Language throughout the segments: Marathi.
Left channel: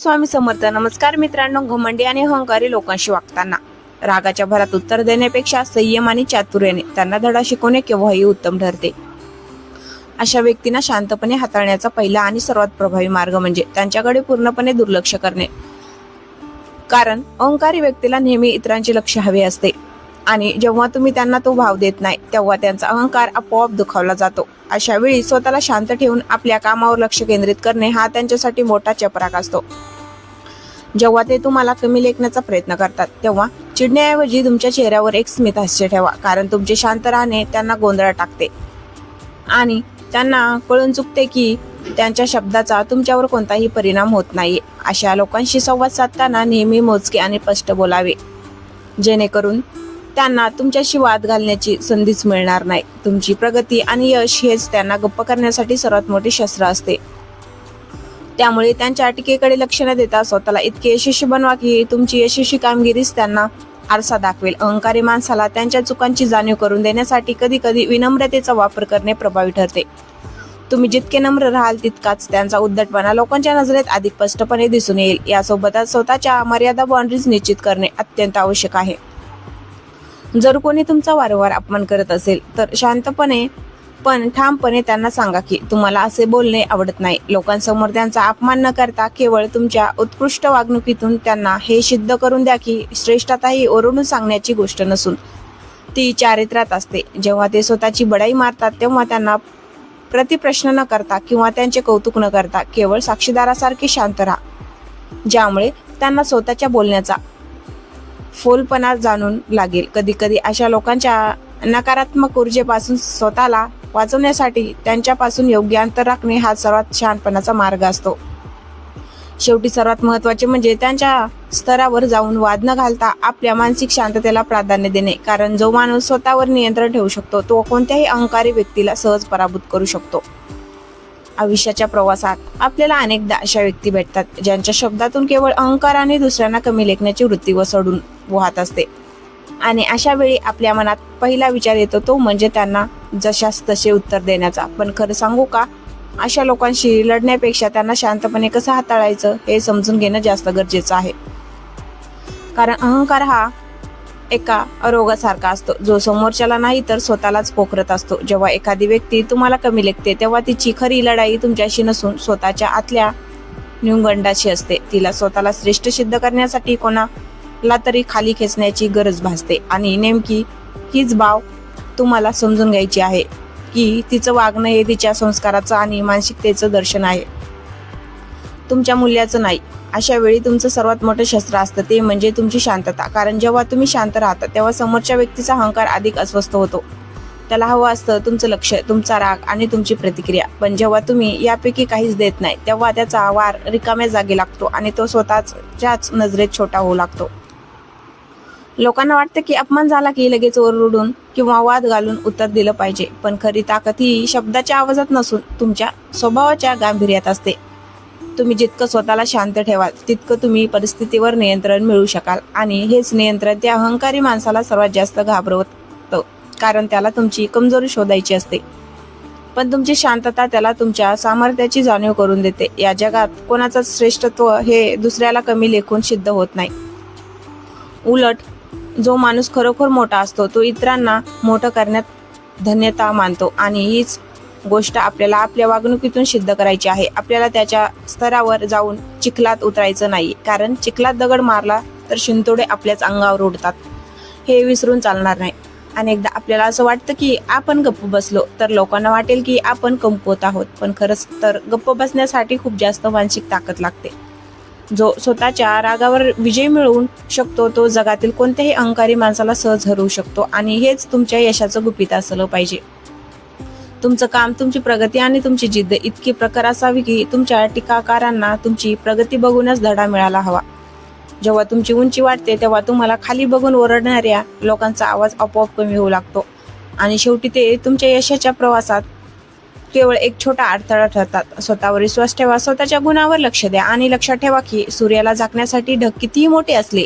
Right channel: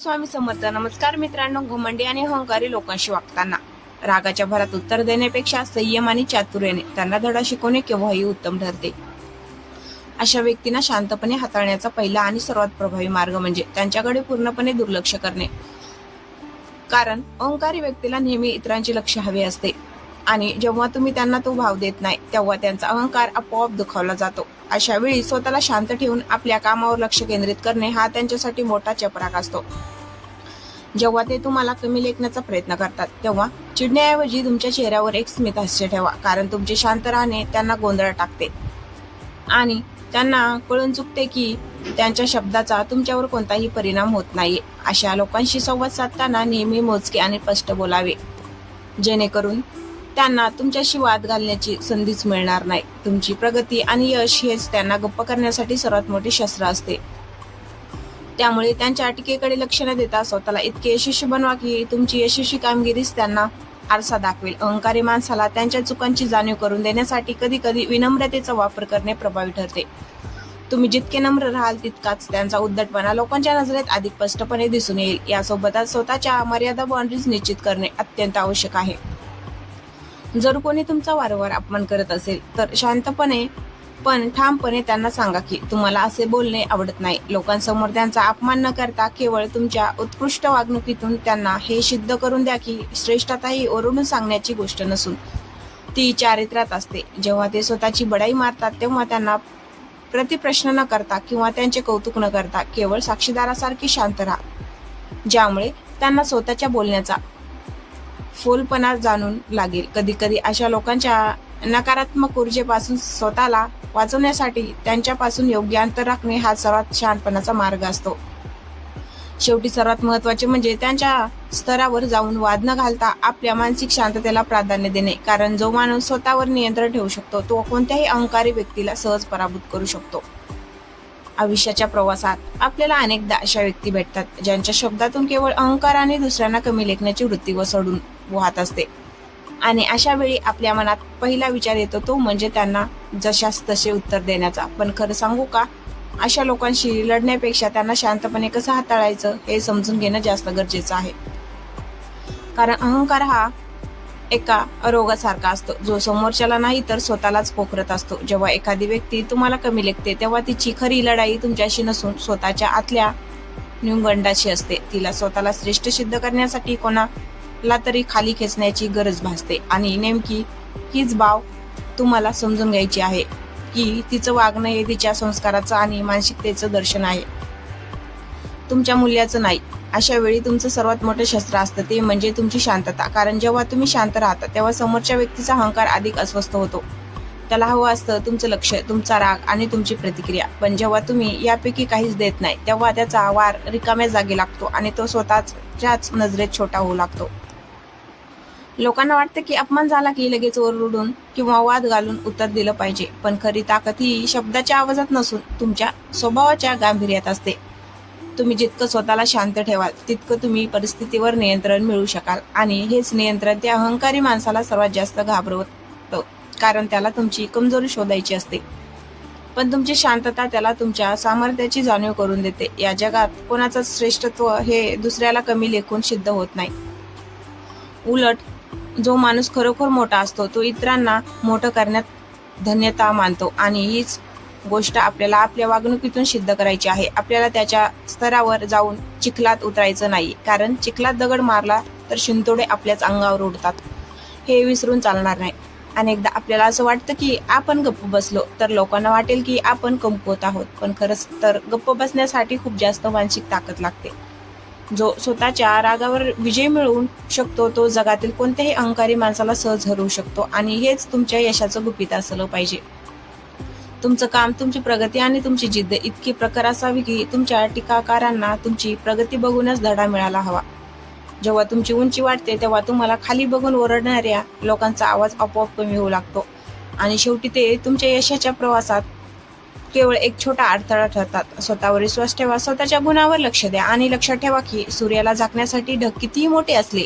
स्वामी समर्थ. नमस्कार मित्रांनो. घमंडी आणि अहंकारी लोकांशी वागताना रागाच्या भरात उत्तर देण्यापेक्षा संयम आणि चातुर्याने त्यांना धडा शिकवणे केव्हाही उत्तम ठरते. अशा व्यक्तींना शांतपणे हाताळण्याचा पहिला आणि सर्वात प्रभावी मार्ग म्हणजे त्यांच्याकडे पूर्णपणे दुर्लक्ष करणे. कारण अहंकारी व्यक्तीला नेहमी इतरांचे लक्ष हवे असते आणि जेव्हा तुम्ही त्यांना तो भाव देत नाही तेव्हा त्यांचा अहंकार आपोआप दुखावला जातो. अशा वेळी स्वतःला शांत ठेवून आपल्या कामावर लक्ष केंद्रित करणे हा त्यांच्यासाठी मोठा चपराक असतो. जेव्हा ते तुम्हाला कमी लेखण्याचा प्रयत्न करतात तेव्हा चिडण्याऐवजी तुमच्या चेहऱ्यावर एक स्मित हास्य ठेवा, कारण तुमचे शांत राहणे त्यांना गोंधळात टाकते आणि त्यांना कळून चुकते की त्यांच्या शब्दाचा तुमच्यावर कोणताही परिणाम होत नाहीये. अशा लोकांशी संवाद साधताना नेहमी मोजके आणि स्पष्ट बोलावे, जेणेकरून त्यांना तुमच्याशी वाद घालण्याची संधीच मिळणार नाही. तुमची प्रगती आणि यश हेच त्यांना गप्प करण्यासाठी सर्वात मोठे शस्त्र असते. त्यामुळे त्यांच्या टीकेकडे लक्ष न देता स्वतःला इतके यशस्वी बनवा की तुमची यशस्वी कामगिरीच त्यांना आरसा दाखवेल. अहंकारी माणसाला त्यांच्या चुकांची जाणीव करून देण्यासाठी कधी कधी विनम्रतेचा वापर करणे प्रभावी ठरते. तुम्ही जितके नम्र राहाल तितकाच त्यांचा उद्धटपणा लोकांच्या नजरेत अधिक स्पष्टपणे दिसून येईल. यासोबतच स्वतःच्या मर्यादा बाउंड्रीज निश्चित करणे अत्यंत आवश्यक आहे. जर कोणी तुमचा वारंवार अपमान करत असेल तर शांतपणे पण ठामपणे त्यांना सांगा की तुम्हाला असे बोलणे आवडत नाही. लोकांसमोर त्यांचा अपमान न करता केवळ तुमच्या उत्कृष्ट वागणुकीतून त्यांना हे सिद्ध करून द्या की श्रेष्ठता ही ओरडून सांगण्याची गोष्ट नसून ती चारित्र्यात असते. जेव्हा ते स्वतःची बडाई मारतात तेव्हा त्यांना प्रतिप्रश्न न करता किंवा त्यांचे कौतुक न करता केवळ साक्षीदारासारखे शांत राहा, ज्यामुळे त्यांना स्वतःच्या बोलण्याचा फोलपणा जाणून लागेल. कधी कधी अशा लोकांच्या नकारात्मक ऊर्जेपासून स्वतःला वाचवण्यासाठी त्यांच्यापासून योग्य अंतर राखणे हा सर्वात शहाणपणाचा मार्ग असतो. शेवटी सर्वात महत्त्वाचे म्हणजे त्यांच्या स्तरावर जाऊन वाद न घालता आपल्या मानसिक शांततेला प्राधान्य देणे, कारण जो माणूस स्वतःवर नियंत्रण ठेवू शकतो तो कोणत्याही अहंकारी व्यक्तीला सहज पराभूत करू शकतो. आयुष्याच्या प्रवासात आपल्याला अनेकदा अशा व्यक्ती भेटतात ज्यांच्या शब्दातून केवळ अहंकार आणि दुसऱ्यांना कमी लेखण्याची वृत्ती वसडून वाहत असते. आणि अशा वेळी आपल्या मनात पहिला विचार येतो तो म्हणजे त्यांना जशास तसे उत्तर देण्याचा. पण खरं सांगू का, अशा लोकांशी लढण्यापेक्षा त्यांना शांतपणे कसं हाताळायचं हे समजून घेणं जास्त गरजेचं आहे. कारण अहंकार हा एका रोगासारखा असतो जो समोरच्याला नाही तर स्वतःलाच पोखरत असतो. जेव्हा एखादी व्यक्ती तुम्हाला कमी लेखते तेव्हा तिची खरी लढाई तुमच्याशी नसून स्वतःच्या आतल्या न्यूनगंडाशी असते. तिला स्वतःला श्रेष्ठ सिद्ध करण्यासाठी कोणाला तरी खाली खेचण्याची गरज भासते आणि नेमकी हीच बाब तुम्हाला समजून घ्यायची आहे की तिचं वागणं हे तिच्या संस्काराचं आणि मानसिकतेचं दर्शन आहे, तुमच्या मूल्याचं नाही. अशा वेळी तुमचं सर्वात मोठं शस्त्र असतं ते म्हणजे तुमची शांतता. कारण जेव्हा तुम्ही शांत राहता तेव्हा समोरच्या व्यक्तीचा अहंकार अधिक अस्वस्थ होतो. त्याला हवं असतं तुमचं लक्ष, तुमचा राग आणि तुमची प्रतिक्रिया. पण जेव्हा तुम्ही यापैकी काहीच देत नाही तेव्हा त्याचा वार रिकाम्या जागी लागतो आणि तो स्वतःच्याच नजरेत छोटा होऊ लागतो. लोकांना वाटतं की अपमान झाला की लगेच ओरडून किंवा वाद घालून उत्तर दिलं पाहिजे, पण खरी ताकद ही शब्दाच्या आवाजात नसून तुमच्या स्वभावाच्या गांभीर्यात असते. तुम्ही जितकं स्वतःला शांत ठेवाल तितकं तुम्ही परिस्थितीवर नियंत्रण मिळवू शकाल आणि हेच नियंत्रण त्या अहंकारी माणसाला सर्वात जास्त घाबरवतं, कारण त्याला तुमची कमजोरी शोधायची असते. पण तुमची शांतता त्याला तुमच्या सामर्थ्याची जाणीव करून देते. या जगात कोणाचं श्रेष्ठत्व हे दुसऱ्याला कमी लेखून सिद्ध होत नाही. उलट जो माणूस खरोखर मोठा असतो तो इतरांना मोठं करण्यात धन्यता मानतो आणि हीच गोष्ट आपल्याला आपल्या वागणुकीतून सिद्ध करायची आहे. आपल्याला त्याच्या स्तरावर जाऊन चिखलात उतरायचं नाही, कारण चिखलात दगड मारला तर शिंतोडे आपल्याच अंगावर उडतात हे विसरून चालणार नाही. अनेकदा आपल्याला असं वाटतं की आपण गप्प बसलो तर लोकांना वाटेल की आपण कमकुवत आहोत, पण खरंच तर गप्प बसण्यासाठी खूप जास्त मानसिक ताकद लागते. जो स्वतःच्या रागावर विजय मिळवू शकतो तो जगातील कोणत्याही अहंकारी माणसाला सहज हरवू शकतो आणि हेच तुमच्या यशाचं गुपित असलं पाहिजे. तुमचं काम, तुमची प्रगती आणि तुमची जिद्द इतकी प्रखर असावी की तुमच्या टीकाकारांना तुमची प्रगती बघूनच धडा मिळाला हवा. जेव्हा तुमची उंची वाढते तेव्हा तुम्हाला खाली बघून ओरडणाऱ्या लोकांचा आवाज आपोआप कमी होऊ लागतो आणि शेवटी ते तुमच्या यशाच्या प्रवासात केवळ एक छोटा अडथळा ठरतात. स्वतःवर विश्वास ठेवा, स्वतःच्या गुणावर लक्ष द्या आणि लक्षात ठेवा की सूर्याला झाकण्यासाठी ढग कितीही मोठे असले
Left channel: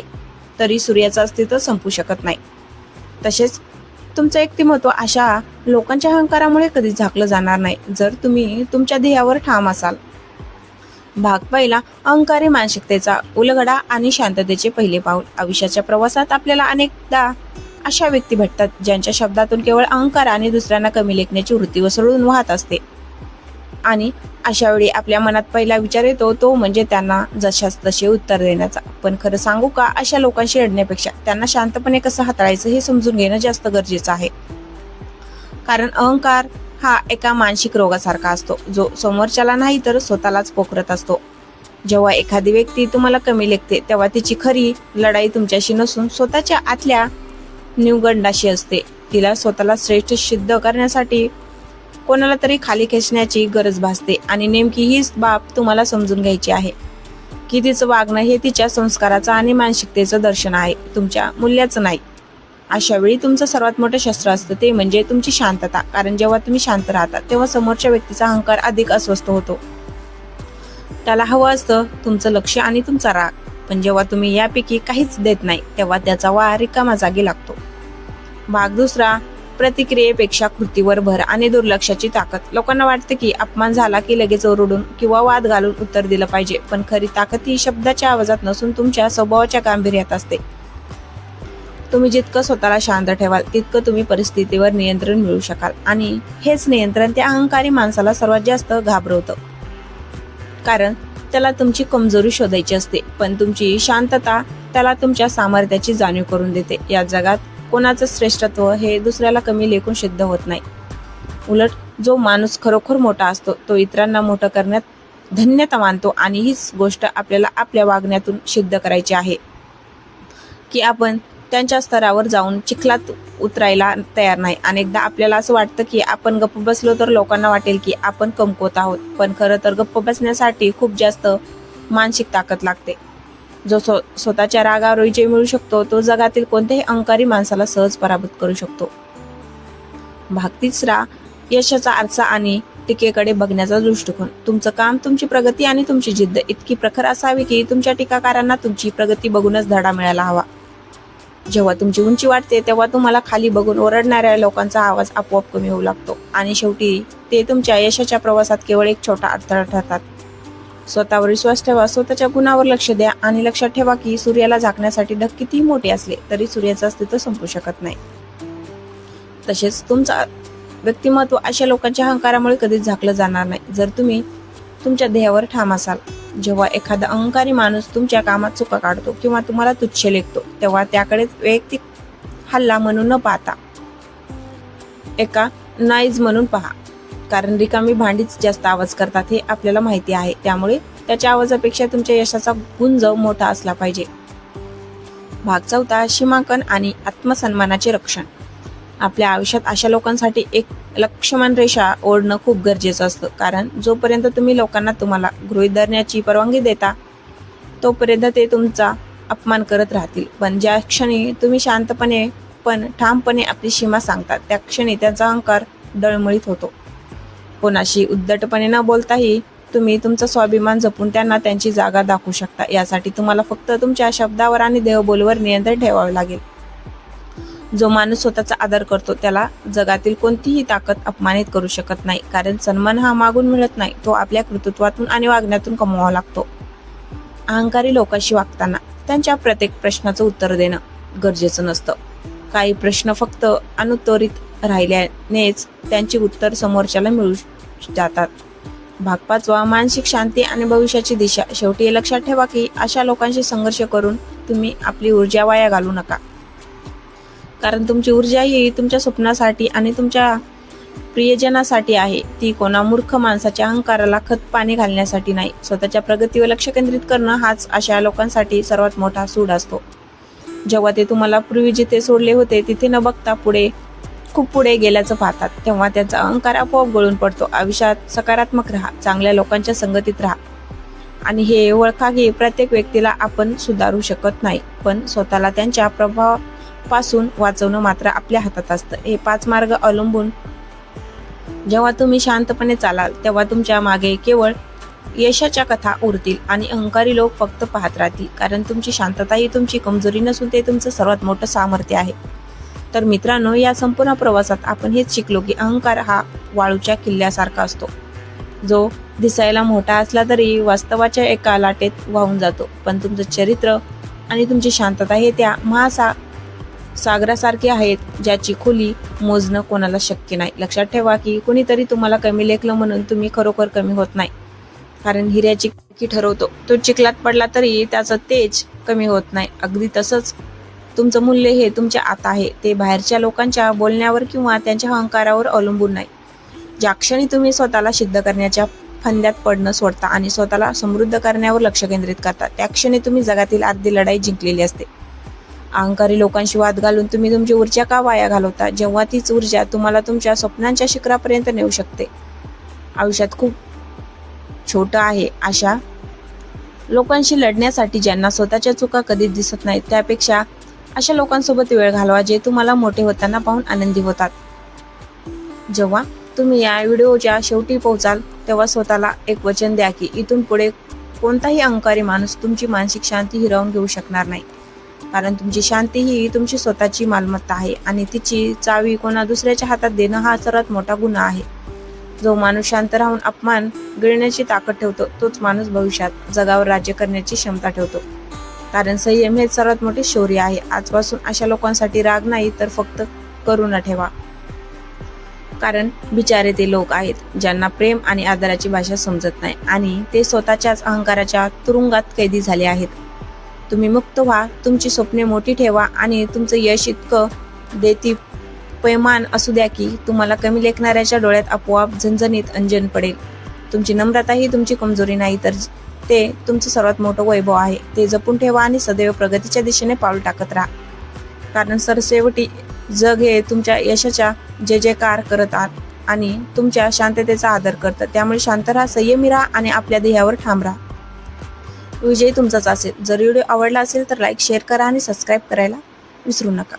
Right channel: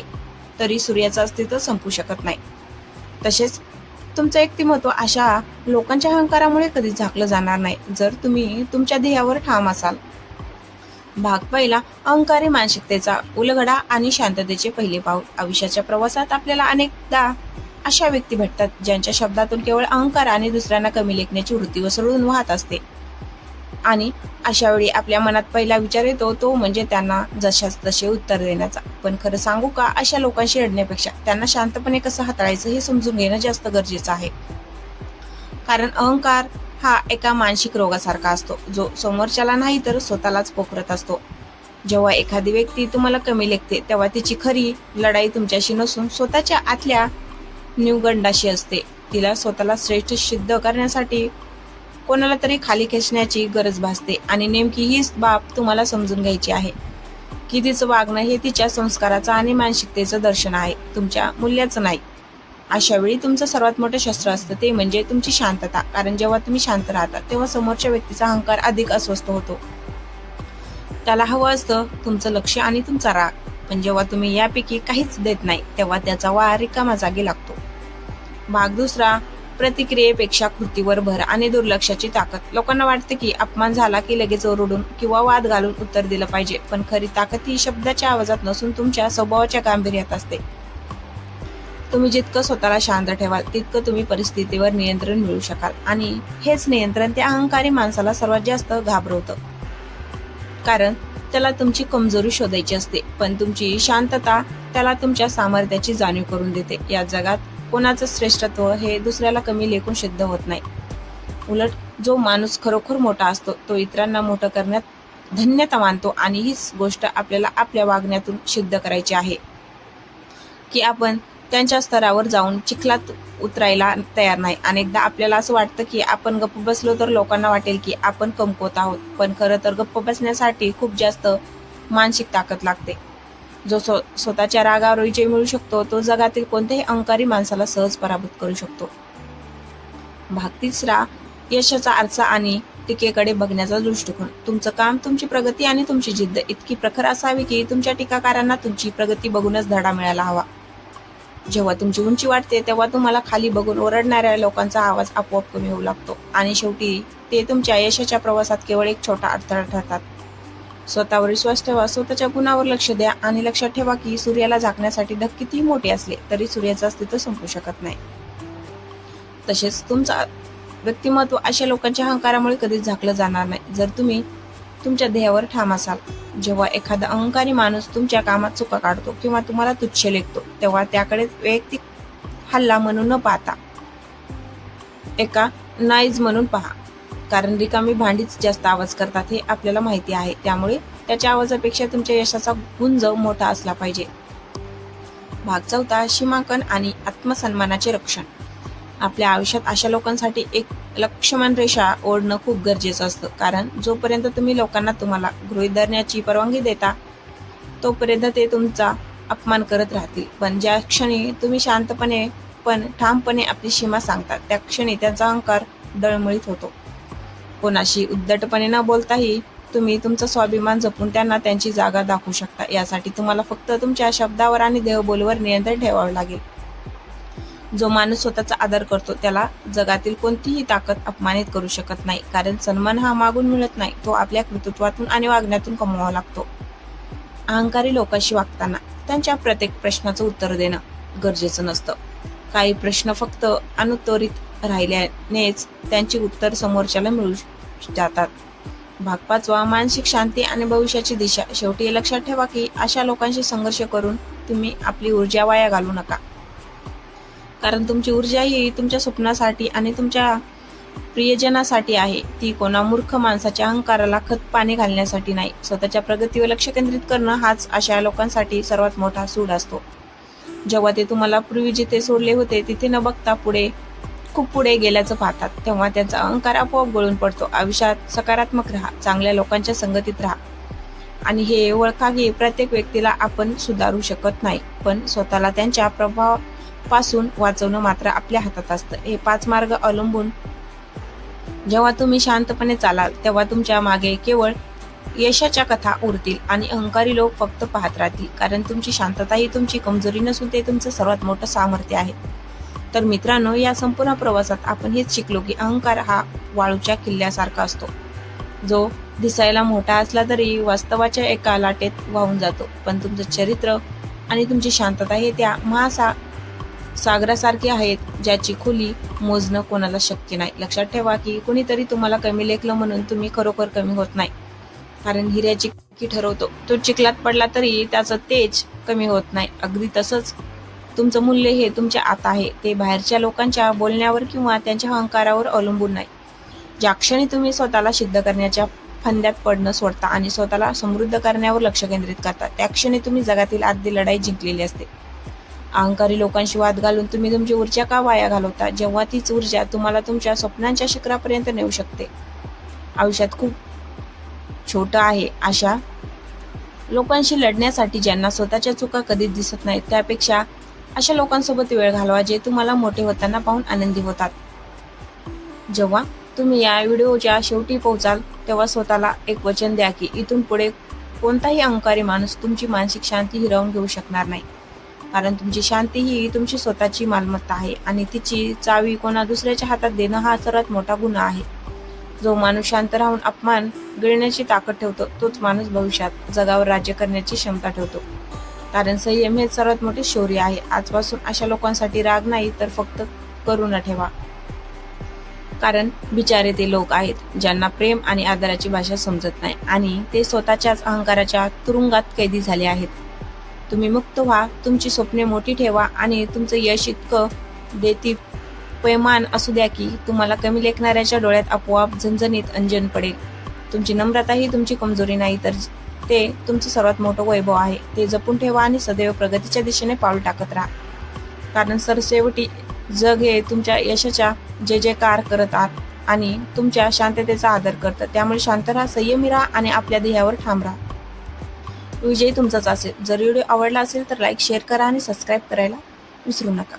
तरी सूर्याचं अस्तित्व संपू शकत नाही. तसेच तुमचं व्यक्तिमत्व अशा लोकांच्या अहंकारामुळे कधीच झाकलं जाणार नाही जर तुम्ही तुमच्या ध्येयावर ठाम असाल. भाग पहिला, अहंकारी मानसिकतेचा उलगडा आणि शांततेचे पहिले पाऊल. आयुष्याच्या प्रवासात आपल्याला अनेकदा अशा व्यक्ती भेटतात ज्यांच्या शब्दातून केवळ अहंकार आणि दुसऱ्यांना कमी लेखण्याची वृत्ती वसळून वाहत असते. आणि अशा वेळी आपल्या मनात पहिला विचार येतो तो म्हणजे त्यांना जशास तसे उत्तर देण्याचा. पण खरं सांगू का, अशा लोकांशी लढण्यापेक्षा त्यांना शांतपणे कसं हाताळायचं हे समजून घेणं जास्त गरजेचं आहे. कारण अहंकार हा एका मानसिक रोगासारखा असतो जो समोरच्याला नाही तर स्वतःलाच पोखरत असतो. जेव्हा एखादी व्यक्ती तुम्हाला कमी लेखते तेव्हा तिची खरी लढाई तुमच्याशी नसून स्वतःच्या आतल्या न्यूगंडाशी असते. तिला स्वतःला श्रेष्ठ सिद्ध करण्यासाठी कोणाला तरी खाली खेचण्याची गरज भासते आणि नेमकी हीच बाब तुम्हाला समजून घ्यायची आहे की तिचं वागणं हे तिच्या संस्काराचं आणि मानसिकतेचं दर्शन आहे, तुमच्या मूल्याचं नाही. अशा वेळी तुमचं सर्वात मोठं शस्त्र असतं ते म्हणजे तुमची शांतता. कारण जेव्हा तुम्ही शांत राहता तेव्हा समोरच्या व्यक्तीचा अहंकार अधिक अस्वस्थ होतो. त्याला हवं असतं तुमचं लक्ष आणि तुमचा राग. पण जेव्हा तुम्ही यापैकी काहीच देत नाही तेव्हा त्याचा वार रिकामा जागी लागतो. भाग दुसरा, प्रतिक्रियेपेक्षा कृतीवर भर आणि दुर्लक्षाची ताकद. लोकांना वाटतं की अपमान झाला की लगेच ओरडून किंवा वाद घालून उत्तर दिलं पाहिजे, पण खरी ताकद ही शब्दाच्या आवाजात नसून तुमच्या स्वभावाच्या गांभीर्यात असते. तुम्ही जितकं स्वतःला शांत ठेवाल तितकं तुम्ही परिस्थितीवर नियंत्रण मिळवू शकाल आणि हेच नियंत्रण त्या अहंकारी माणसाला सर्वात जास्त घाबरवतं. कारण त्याला तुमची कमजोरी शोधायची असते, पण तुमची शांतता त्याला तुमच्या सामर्थ्याची जाणीव करून देते. या जगात कोणाचं श्रेष्ठत्व हे दुसऱ्याला कमी लेखून सिद्ध होत नाही. उलट जो माणूस खरोखर मोठा असतो तो इतरांना मोठं करण्यात धन्यता मानतो. आणि हीच गोष्ट आपल्याला आपल्या वागण्यातून सिद्ध करायची आहे की आपण त्यांच्या स्तरावर जाऊन चिखलात उतरायला तयार नाही. अनेकदा आपल्याला असं वाटतं की आपण गप्प बसलो तर लोकांना वाटेल की आपण कमकुवत आहोत, पण खरं तर गप्प बसण्यासाठी खूप जास्त मानसिक ताकद लागते. जो स्वतःच्या रागावर विजय मिळू शकतो तो जगातील कोणत्याही अहंकारी माणसाला सहज पराभूत करू शकतो. भाग तिसरा, यशाचा आरसा आणि टीकेकडे बघण्याचा दृष्टिकोन. तुमचं काम, तुमची प्रगती आणि तुमची जिद्द इतकी प्रखर असावी की तुमच्या टीकाकारांना तुमची प्रगती बघूनच धडा मिळायला हवा. जेव्हा तुमची उंची वाढते तेव्हा तुम्हाला खाली बघून ओरडणाऱ्या लोकांचा आवाज आपोआप कमी होऊ लागतो आणि शेवटी ते तुमच्या यशाच्या प्रवासात केवळ एक छोटा अडथळा ठरतात. स्वतःवर विश्वास ठेवा, स्वतःच्या गुणावर लक्ष द्या आणि लक्षात ठेवा की सूर्याला झाकण्यासाठी ढग कितीही मोठे असले तरी सूर्याचं अस्तित्व संपू शकत नाही. तसेच तुमचा व्यक्तिमत्व अशा लोकांच्या अहंकारामुळे कधीच झाकलं जाणार नाही जर तुम्ही तुमच्या ध्येयावर ठाम असाल. जेव्हा एखादा अहंकारी माणूस तुमच्या कामात चुका काढतो किंवा तुम्हाला तुच्छ लेखतो तेव्हा त्याकडे वैयक्तिक हल्ला म्हणून न पाहता एका नाईज म्हणून पहा. कारण रिकामी भांडीच जास्त आवाज करतात हे आपल्याला माहिती आहे. त्यामुळे त्याच्या आवाजापेक्षा तुमच्या यशाचा गुंज मोठा असला पाहिजे. भाग चौथा, सीमांकन आणि आत्मसन्मानाचे रक्षण. आपल्या आयुष्यात अशा लोकांसाठी एक लक्ष्मण रेषा ओढणं खूप गरजेचं असतं. कारण जोपर्यंत तुम्ही लोकांना तुम्हाला गृहीत धरण्याची परवानगी देता तोपर्यंत ते तुमचा अपमान करत राहतील. पण ज्या क्षणी तुम्ही शांतपणे पण ठामपणे आपली सीमा सांगतात त्या क्षणी त्यांचा अहंकार डळमळीत होतो. कोणाशी उद्धटपणे न बोलताही तुम्ही तुमचा स्वाभिमान जपून त्यांना त्यांची जागा दाखवू शकता. यासाठी तुम्हाला फक्त तुमच्या शब्दावर आणि देहबोलीवर नियंत्रण ठेवावे लागेल. जो माणूस स्वतःचा आदर करतो त्याला जगातील कोणतीही ताकद अपमानित करू शकत नाही. कारण सन्मान हा मागून मिळत नाही, तो आपल्या कर्तृत्वातून आणि वागण्यातून कमवावा लागतो. अहंकारी लोकांशी वागताना त्यांच्या प्रत्येक प्रश्नाचं उत्तर देणं गरजेचं नसतं. काही प्रश्न फक्त अनुत्तरित राहिल्यानेच त्यांची उत्तर समोरच्याला मिळू जातात. भाग पाचवा, मानसिक शांती आणि भविष्याची दिशा. शेवटी हे लक्षात ठेवा की अशा लोकांशी संघर्ष करून तुम्ही आपली ऊर्जा वाया घालू नका. कारण तुमची ऊर्जा ही तुमच्या स्वप्नासाठी आणि तुमच्या प्रियजनासाठी आहे. ती कोणा मूर्ख माणसाच्या अहंकाराला खत पाणी घालण्यासाठी नाही. स्वतःच्या प्रगतीवर लक्ष केंद्रित करणं हाच अशा लोकांसाठी सर्वात मोठा सूड असतो. जेव्हा ते तुम्हाला पूर्वी जिथे सोडले होते तिथे न बघता खूप पुढे गेल्याचं पाहतात तेव्हा त्यांचा अहंकार आपोआप गळून पडतो. आयुष्यात सकारात्मक राहा, चांगल्या लोकांच्या संगतीत राहा आणि हे ओळखा की प्रत्येक व्यक्तीला आपण सुधारू शकत नाही, पण स्वतःला त्यांच्या प्रभावापासून वाचवणं मात्र आपल्या हातात असतं. हे 5 मार्ग अवलंबून जेव्हा तुम्ही शांतपणे चालाल तेव्हा तुमच्या मागे केवळ यशाच्या कथा उरतील आणि अहंकारी लोक फक्त पाहत राहतील. कारण तुमची शांतता ही तुमची कमजोरी नसून ते तुमचं सर्वात मोठं सामर्थ्य आहे. तर मित्रांनो, या संपूर्ण प्रवासात आपण हेच शिकलो की अहंकार हा वाळूच्या किल्ल्यासारखा असतो. जो दिसायला मोठा असला तरी वास्तवाच्या एका लाटेत वाहून जातो. पण तुमचं चरित्र आणि तुमची शांतता हे त्या सागरासारखे आहेत, ज्याची खोली मोजणं कोणाला शक्य नाही. लक्षात ठेवा की कुणीतरी तुम्हाला कमी लेखलं म्हणून तुम्ही खरोखर कमी होत नाही. कारण हिऱ्याची की ठरवतो, तो चिखलात पडला तरी त्याचं तेज कमी होत नाही. अगदी तसंच तुमचं मूल्य हे तुमच्या आत आहे. ते बाहेरच्या लोकांच्या बोलण्यावर किंवा त्यांच्या अहंकारावर अवलंबून नाही. ज्या क्षणी तुम्ही स्वतःला सिद्ध करण्याच्या फंद्यात पडणं सोडता आणि स्वतःला समृद्ध करण्यावर लक्ष केंद्रित करता, त्या क्षणी तुम्ही जगातील अर्धी लढाई जिंकलेली असते. अहंकारी लोकांशी वाद घालून तुम्ही तुमची ऊर्जा का वाया घालवता, जेव्हा तीच ऊर्जा तुम्हाला तुमच्या स्वप्नांच्या शिखरापर्यंत नेऊ शकते? आयुष्यात खूप छोटं आहे अशा लोकांशी लढण्यासाठी ज्यांना स्वतःच्या चुका कधीच दिसत नाहीत. त्यापेक्षा अशा लोकांसोबत वेळ घालवा जे तुम्हाला मोठे होताना पाहून आनंदी होतात. जेव्हा तुम्ही या व्हिडिओच्या शेवटी पोहोचाल तेव्हा स्वतःला एक वचन द्या की इथून पुढे कोणताही अहंकारी माणूस तुमची मानसिक शांती हिरावून घेऊ शकणार नाही. कारण तुमची शांती ही तुमची स्वतःची मालमत्ता आहे आणि तिची चावी कोणा दुसऱ्याच्या हातात देणं हा सर्वात मोठा गुन्हा आहे. जो माणूस शांत राहून अपमान गिळण्याची ताकद ठेवतो तोच माणूस भविष्यात जगावर राज्य करण्याची क्षमता ठेवतो. कारण संयम हेच सर्वात मोठे शौर्य आहे. आजपासून अशा लोकांसाठी राग नाही तर फक्त करुणा ठेवा. कारण बिचारे ते लोक आहेत ज्यांना प्रेम आणि आदराची भाषा समजत नाही आणि ते स्वतःच्याच अहंकाराच्या तुरुंगात कैदी झाले आहेत. तुम्ही मुक्त व्हा, तुमची स्वप्ने मोठी ठेवा आणि तुमचं यश इतकं देदीप्यमान असू द्या की तुम्हाला कमी लेखणाऱ्याच्या डोळ्यात आपोआप झणझणीत अंजन पडेल. तुमची नम्रता ही तुमची कमजोरी नाही तर ते तुमचं सर्वात मोठं वैभव आहे. ते जपून ठेवा आणि सदैव प्रगतीच्या दिशेने पाऊल टाकत राहा. कारण सरसेवटी जग हे तुमच्या यशाच्या जे जयकार करत आहात आणि तुमच्या शांततेचा आदर करतं. त्यामुळे शांत राहा, संयमी राहा आणि आपल्या ध्येयावर ठाम राहा. विजय तुमचाच असेल. जर व्हिडिओ आवडला असेल तर लाईक, शेअर करा आणि सबस्क्राईब करायला विसरू नका.